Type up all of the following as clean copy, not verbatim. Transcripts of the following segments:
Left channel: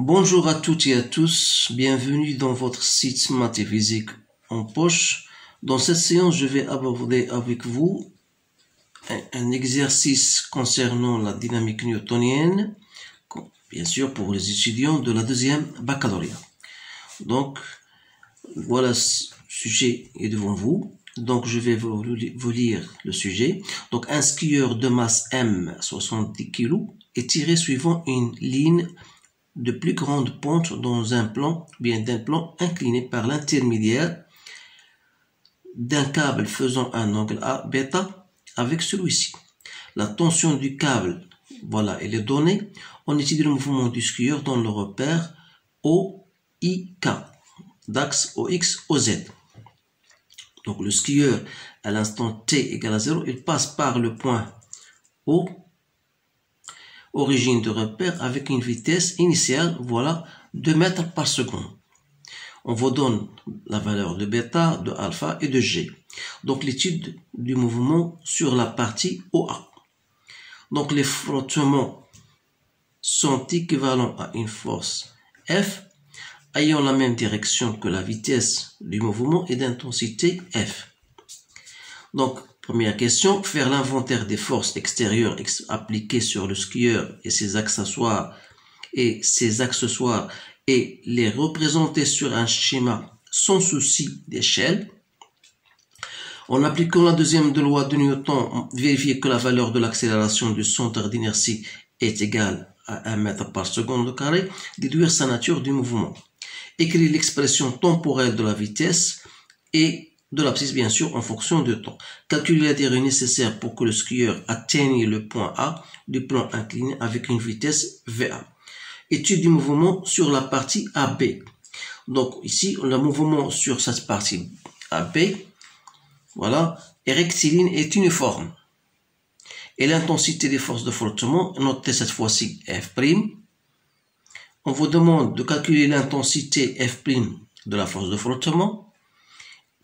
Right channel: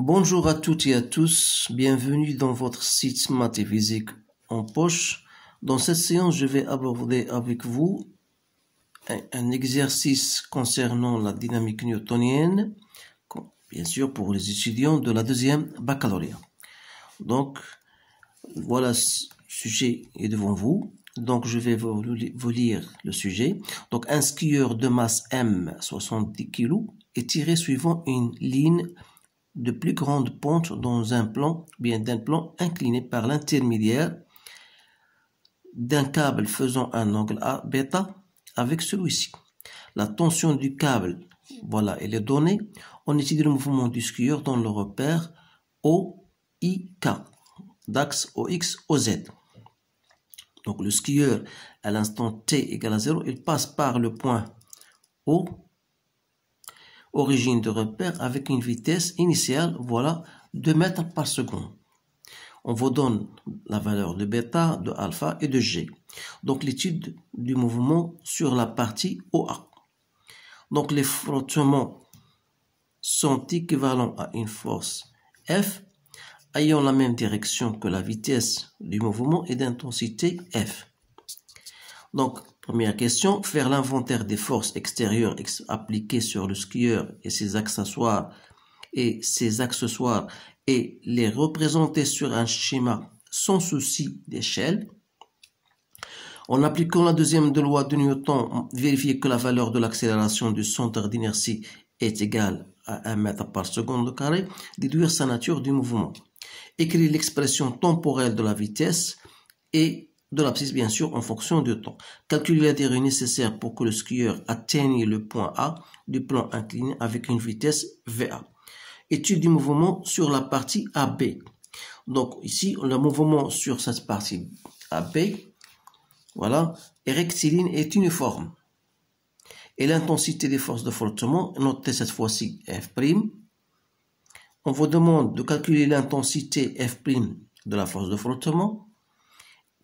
Bonjour à toutes et à tous, bienvenue dans votre site Maths et Physique en poche. Dans cette séance, je vais aborder avec vous un exercice concernant la dynamique newtonienne, bien sûr pour les étudiants de la deuxième baccalauréat. Donc, voilà, ce sujet est devant vous. Donc, je vais vous lire le sujet. Donc, un skieur de masse M, 70 kg, est tiré suivant une ligne de plus grande pente dans un plan, bien d'un plan incliné par l'intermédiaire d'un câble faisant un angle A bêta avec celui-ci. La tension du câble, voilà, elle est donnée. On étudie le mouvement du skieur dans le repère OIK, d'axe OX, OZ. Donc le skieur, à l'instant t égale à 0, il passe par le point O, origine de repère, avec une vitesse initiale, voilà, 2 mètres par seconde. On vous donne la valeur de bêta, de alpha et de g. Donc l'étude du mouvement sur la partie OA. Donc les frottements sont équivalents à une force F ayant la même direction que la vitesse du mouvement et d'intensité F. Donc, première question, faire l'inventaire des forces extérieures appliquées sur le skieur et ses accessoires et les représenter sur un schéma sans souci d'échelle. En appliquant la deuxième loi de Newton, vérifier que la valeur de l'accélération du centre d'inertie est égale à 1 mètre par seconde carré, déduire sa nature du mouvement. Écrire l'expression temporelle de la vitesse et de l'abscisse, bien sûr, en fonction du temps. Calculer la durée nécessaire pour que le skieur atteigne le point A du plan incliné avec une vitesse VA. Étude du mouvement sur la partie AB. Donc ici, le mouvement sur cette partie AB, voilà, est rectiligne et uniforme. Et l'intensité des forces de frottement, notez cette fois-ci F'. On vous demande de calculer l'intensité F' de la force de frottement.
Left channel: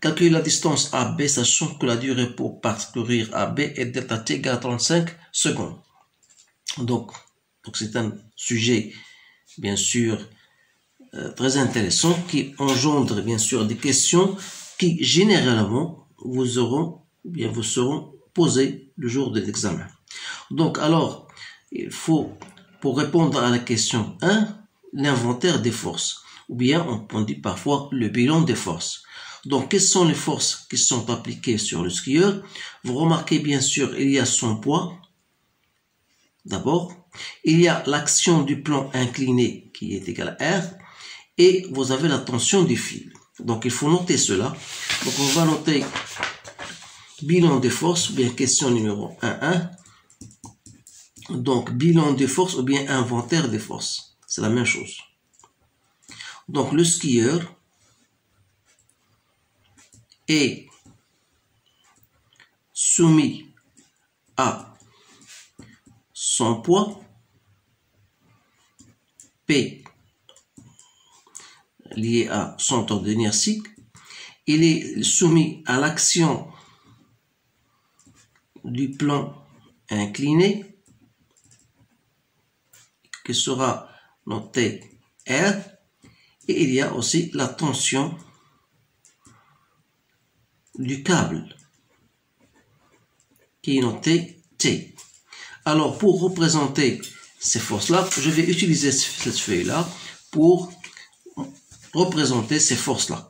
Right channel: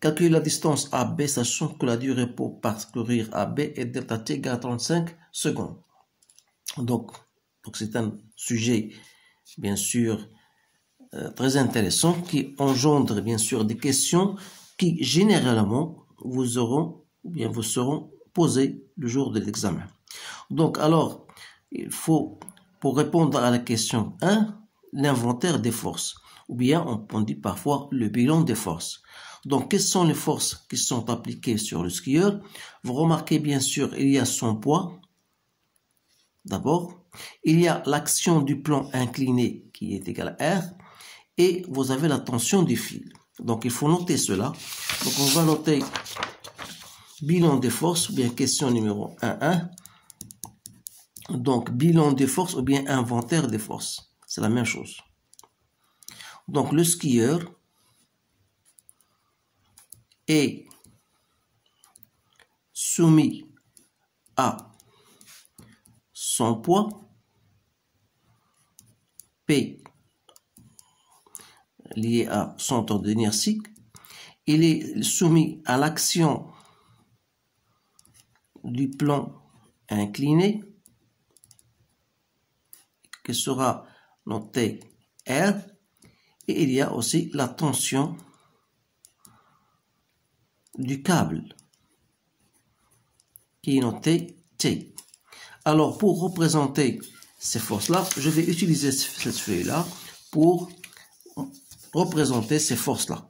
Calculer la distance AB, sachant que la durée pour parcourir AB est delta t égale à 35 secondes. Donc c'est un sujet, bien sûr, très intéressant qui engendre, bien sûr, des questions qui, généralement, vous seront posées le jour de l'examen. Donc, alors, il faut, pour répondre à la question 1, l'inventaire des forces, ou bien on dit parfois le bilan des forces. Donc, quelles sont les forces qui sont appliquées sur le skieur? Vous remarquez, bien sûr, il y a son poids. D'abord, il y a l'action du plan incliné qui est égal à R, et vous avez la tension du fil. Donc, il faut noter cela. Donc, on va noter bilan des forces, ou bien question numéro 1.1. Donc, bilan des forces ou bien inventaire des forces. C'est la même chose. Donc, le skieur est soumis à son poids P lié à centre d'inertie. Il est soumis à l'action du plan incliné qui sera noté R, et il y a aussi la tension du câble qui est notée T. Alors, pour représenter ces forces-là, je vais utiliser cette feuille-là pour représenter ces forces-là.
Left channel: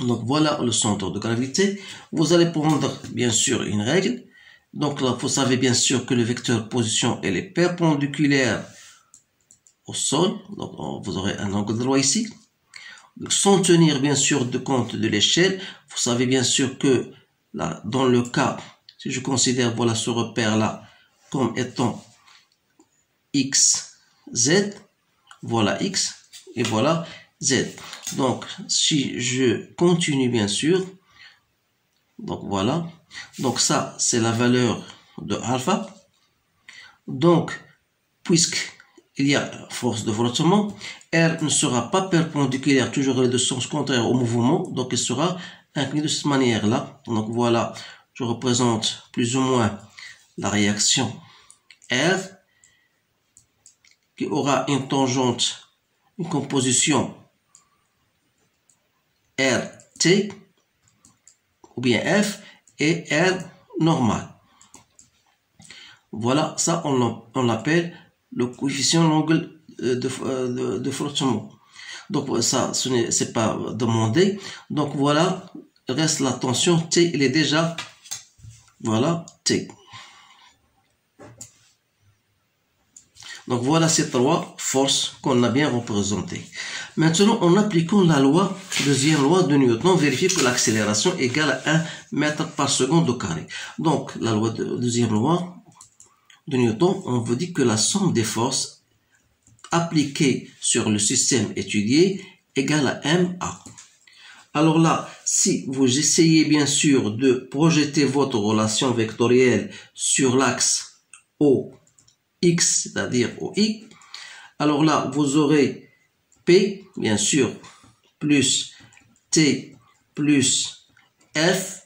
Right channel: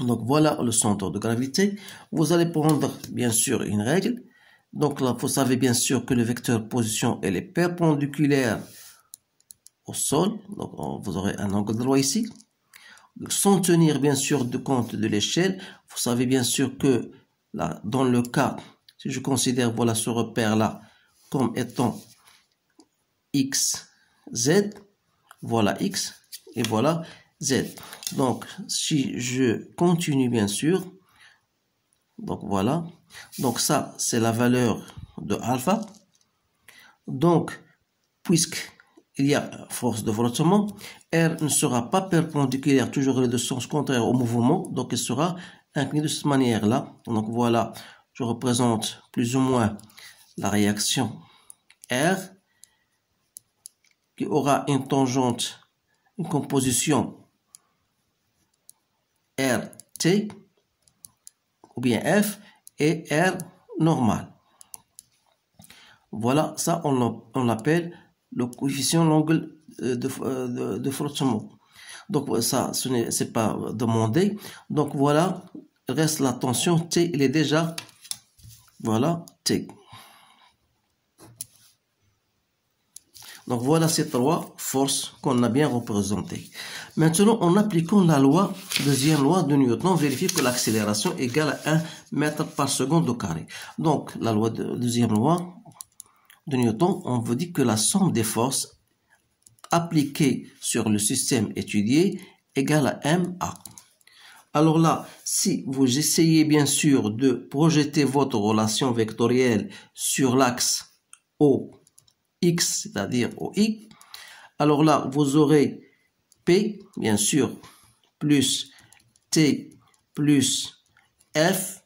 Donc, voilà le centre de gravité. Vous allez prendre, bien sûr, une règle. Donc, là, vous savez bien sûr que le vecteur position, elle est perpendiculaire au sol. Donc, vous aurez un angle droit ici. Donc, sans tenir, bien sûr, de compte de l'échelle, vous savez bien sûr que, là, dans le cas, si je considère, voilà, ce repère-là comme étant x, z, voilà x, et voilà z. Donc, si je continue, bien sûr, donc voilà, donc ça, c'est la valeur de alpha. Donc, puisqu'il y a force de frottement, R ne sera pas perpendiculaire, toujours dans le sens contraire au mouvement, donc il sera incliné de cette manière-là. Donc voilà, je représente plus ou moins la réaction R qui aura une tangente une composition RT ou bien F et R normal. Voilà, ça on l'appelle le coefficient l'angle de frottement. Donc ça, ce n'est pas demandé. Donc voilà, reste la tension T, il est déjà, voilà, T. Donc voilà ces trois forces qu'on a bien représentées. Maintenant, en appliquant la loi, deuxième loi de Newton, on vérifie que l'accélération est égale à 1 mètre par seconde au carré. Donc la loi deuxième loi de Newton, on veut dire que la somme des forces appliquées sur le système étudié égale à MA. Alors là, si vous essayez bien sûr de projeter votre relation vectorielle sur l'axe OX, c'est-à-dire OI, alors là, vous aurez P, bien sûr, plus T plus F,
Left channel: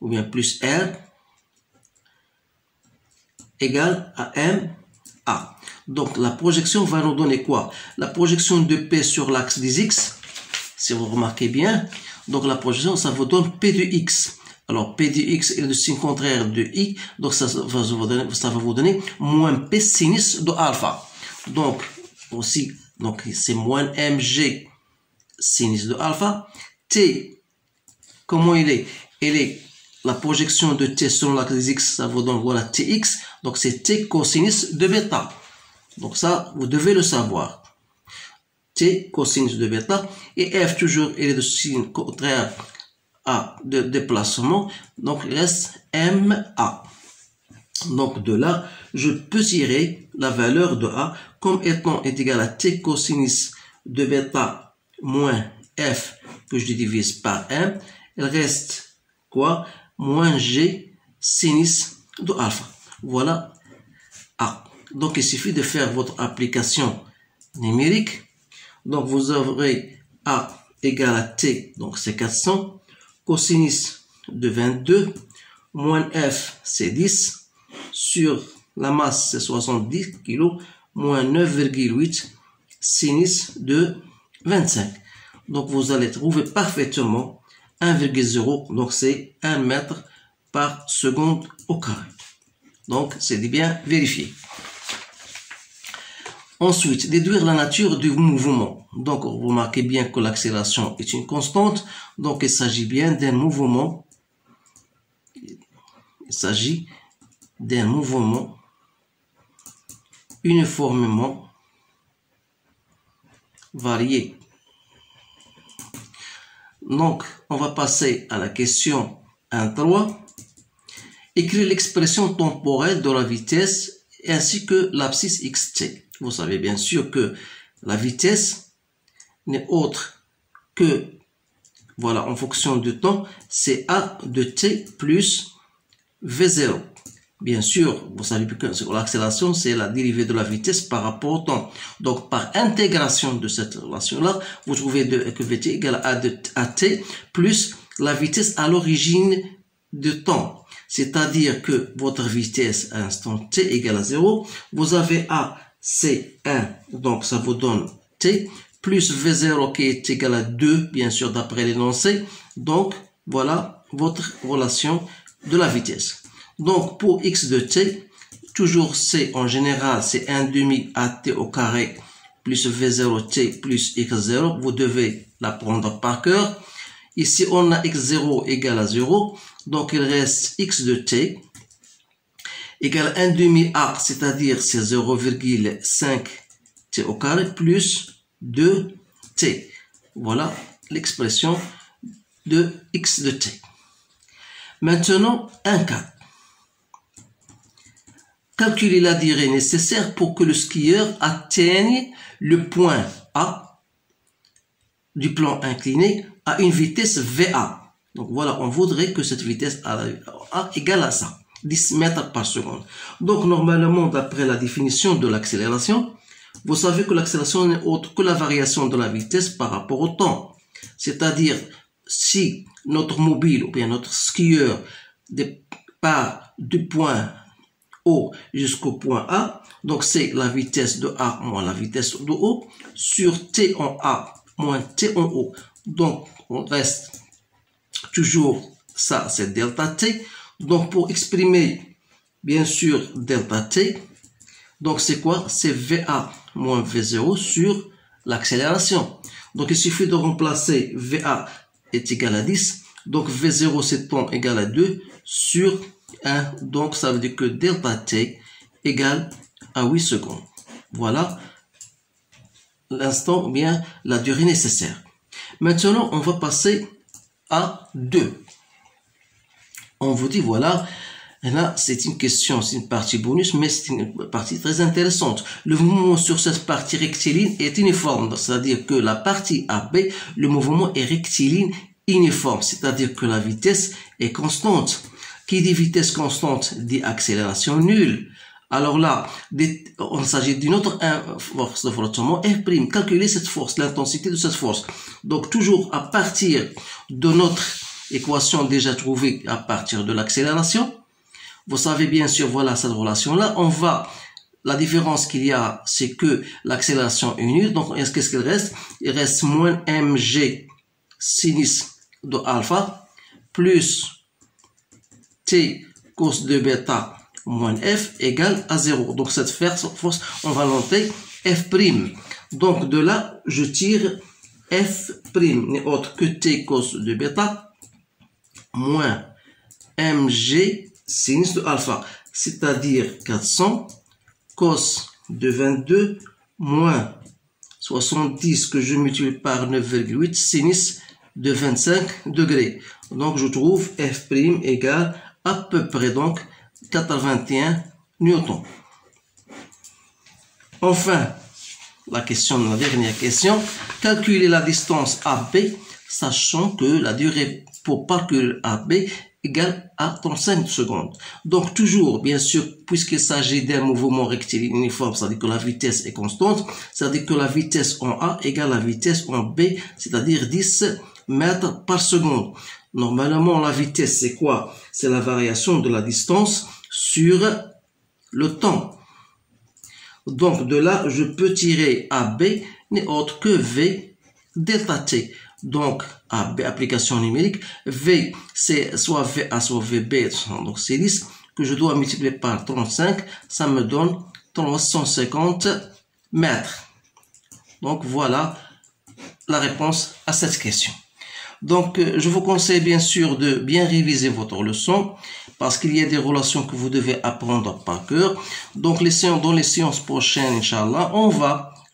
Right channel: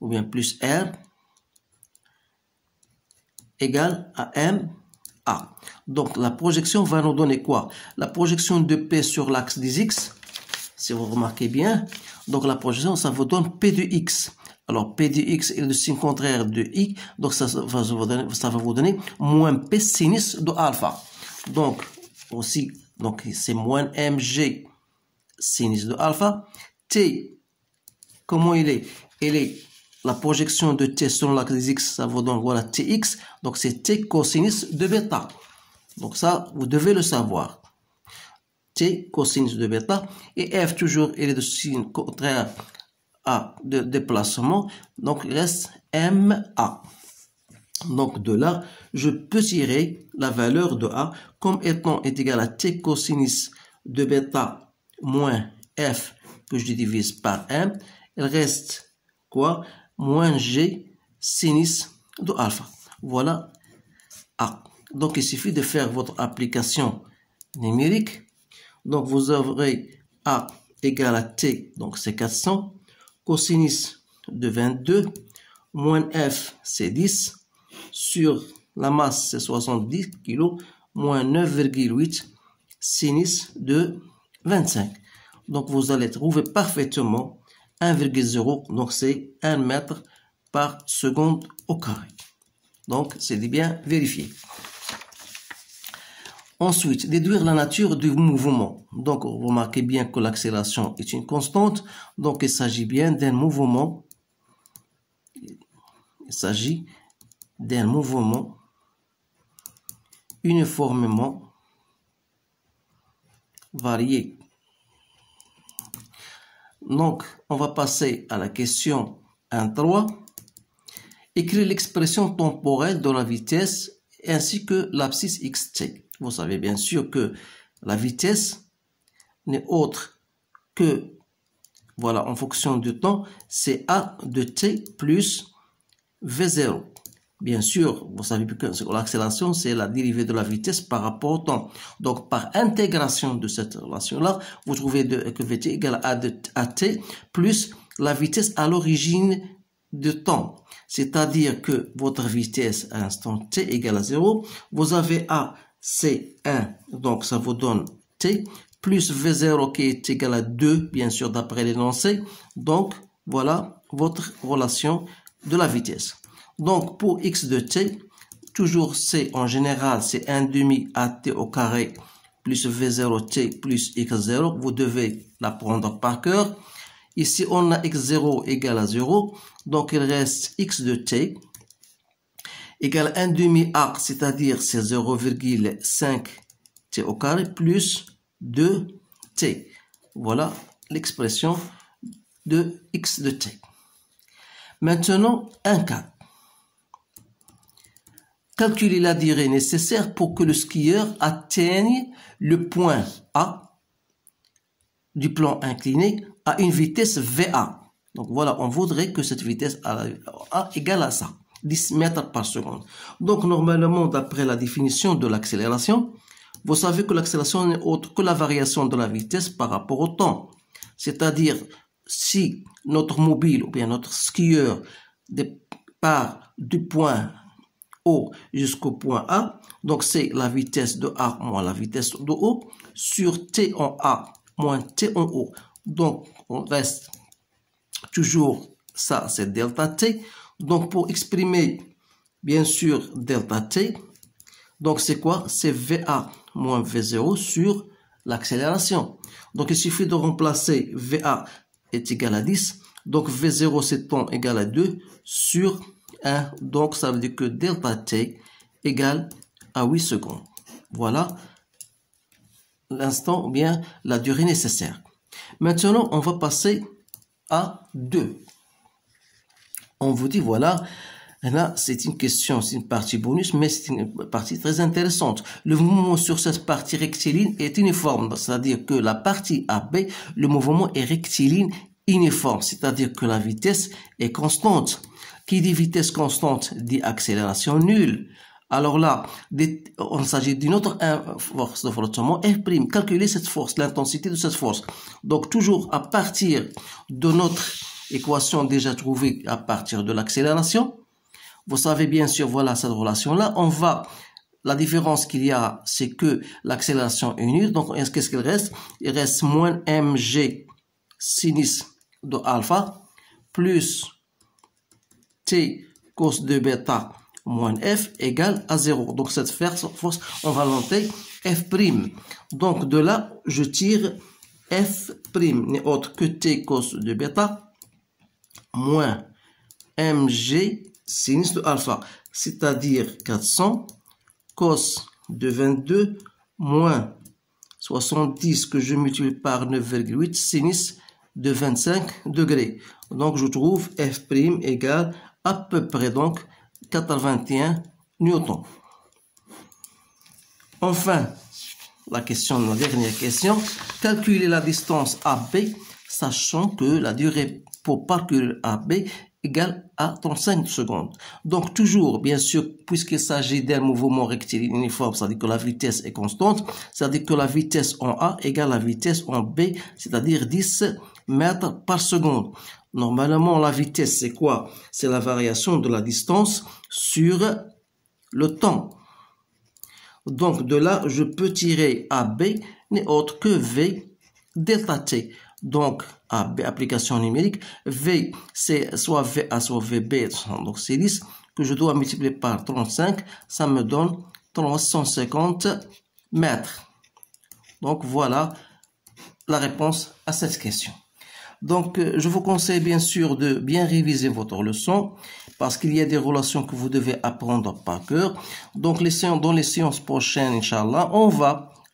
ou bien plus R, égale à MA. Donc la projection va nous donner quoi? La projection de P sur l'axe des X, si vous remarquez bien, donc la projection, ça vous donne P de X. Alors P de X est le signe contraire de I, donc ça va vous donner moins P sinus de alpha. Donc aussi, donc c'est moins mg sinus de alpha. T, comment il est? Il est la projection de T sur l'axe des X, ça vous donne voilà Tx, donc c'est T cosinus de bêta. Donc ça, vous devez le savoir. T cosinus de bêta, et F toujours il est de signe contraire à de déplacement, donc il reste MA. Donc de là, je peux tirer la valeur de A comme étant égale à T cosinus de bêta moins F que je divise par M. Il reste quoi? Moins G sinus de alpha. Voilà A. Donc il suffit de faire votre application numérique. Donc vous aurez A égale à T, donc c'est 400, cosinus de 22, moins F c'est 10, sur la masse c'est 70 kg, moins 9,8 sinus de 25. Donc vous allez trouver parfaitement 1,0, donc c'est 1 mètre par seconde au carré. Donc c'est bien vérifié. Ensuite, déduire la nature du mouvement. Donc, vous remarquez bien que l'accélération est une constante. Donc, il s'agit bien d'un mouvement. Il s'agit d'un mouvement uniformément varié. Donc, on va passer à la question 1.3. Écrire l'expression temporelle de la vitesse ainsi que l'abscisse xt. Vous savez bien sûr que la vitesse n'est autre que, voilà, en fonction du temps, c'est A de t plus V0. Bien sûr, vous savez que l'accélération, c'est la dérivée de la vitesse par rapport au temps. Donc, par intégration de cette relation-là, vous trouvez que Vt égale à t plus la vitesse à l'origine du temps. C'est-à-dire que votre vitesse à l'instant t égale à 0. Vous avez A, c'est 1, donc ça vous donne t, plus V0 qui est égal à 2, bien sûr, d'après l'énoncé. Donc, voilà votre relation de la vitesse. Donc, pour x de t, toujours c en général, c'est 1 demi at au carré plus V0t plus x0. Vous devez l'apprendre par cœur. Ici, on a x0 égale à 0. Donc, il reste x de t égale 1 demi a, c'est-à-dire c'est 0,5 t au carré plus 2t. Voilà l'expression de x de t. Maintenant, 1,4. Calculer la durée nécessaire pour que le skieur atteigne le point A du plan incliné à une vitesse VA. Donc voilà, on voudrait que cette vitesse A égale à ça, 10 mètres par seconde. Donc normalement, d'après la définition de l'accélération, vous savez que l'accélération n'est autre que la variation de la vitesse par rapport au temps. C'est-à-dire, si notre mobile ou bien notre skieur part du point O jusqu'au point A. Donc, c'est la vitesse de A moins la vitesse de O sur T en A moins T en O. Donc, on reste toujours, ça c'est delta T. Donc, pour exprimer, bien sûr, delta T, donc c'est quoi? C'est VA moins V0 sur l'accélération. Donc, il suffit de remplacer VA est égal à 10. Donc, V0 c'est temps égal à 2 sur 1. Donc, ça veut dire que delta T égale à 8 secondes. Voilà l'instant, bien la durée nécessaire. Maintenant, on va passer à 2. On vous dit, voilà, là, c'est une question, c'est une partie bonus, mais c'est une partie très intéressante. Le mouvement sur cette partie rectiligne est uniforme, c'est-à-dire que la partie AB, le mouvement est rectiligne uniforme, c'est-à-dire que la vitesse est constante. Qui dit vitesse constante dit accélération nulle. Alors là, on s'agit d'une autre force de frottement, F'. Calculez cette force, l'intensité de cette force. Donc, toujours à partir de notre équation déjà trouvée à partir de l'accélération, vous savez bien sûr, voilà cette relation-là. La différence qu'il y a, c'est que l'accélération est nulle. Donc, qu'est-ce qu'il reste? Il reste moins mg sinus de alpha plus t cos de bêta moins f égale à 0. Donc, cette force, on va noter f'. Donc, de là, je tire f' n'est autre que t cos de bêta moins mg sinus de alpha, c'est-à-dire 400 cos de 22 moins 70 que je multiplie par 9,8 sinus de 25 degrés. Donc, je trouve f' égale à peu près donc 81 newtons. Enfin, la dernière question, calculer la distance AB, sachant que la durée pour parcourir AB égale à 35 secondes. Donc, toujours, bien sûr, puisqu'il s'agit d'un mouvement rectiligne uniforme, c'est-à-dire que la vitesse est constante, c'est-à-dire que la vitesse en A égale la vitesse en B, c'est-à-dire 10 mètres par seconde. Normalement, la vitesse, c'est quoi? C'est la variation de la distance sur le temps. Donc, de là, je peux tirer AB n'est autre que V delta T. Donc, AB, application numérique, V, c'est soit VA, soit VB, donc c'est 10, que je dois multiplier par 35, ça me donne 350 mètres. Donc, voilà la réponse à cette question. Donc, je vous conseille bien sûr de bien réviser votre leçon parce qu'il y a des relations que vous devez apprendre par cœur. Donc, dans les séances prochaines, Inch'Allah,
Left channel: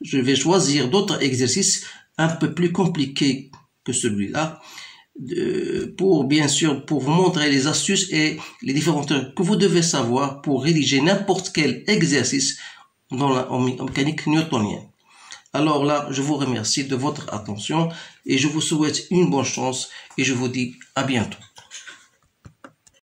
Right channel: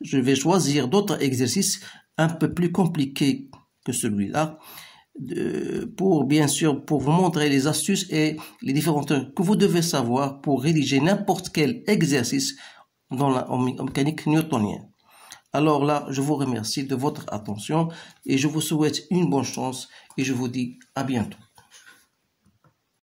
je vais choisir d'autres exercices un peu plus compliqués que celui-là pour vous montrer les astuces et les différentes que vous devez savoir pour rédiger n'importe quel exercice dans la mécanique newtonienne. Alors là, je vous remercie de votre attention et je vous souhaite une bonne chance et je vous dis à bientôt.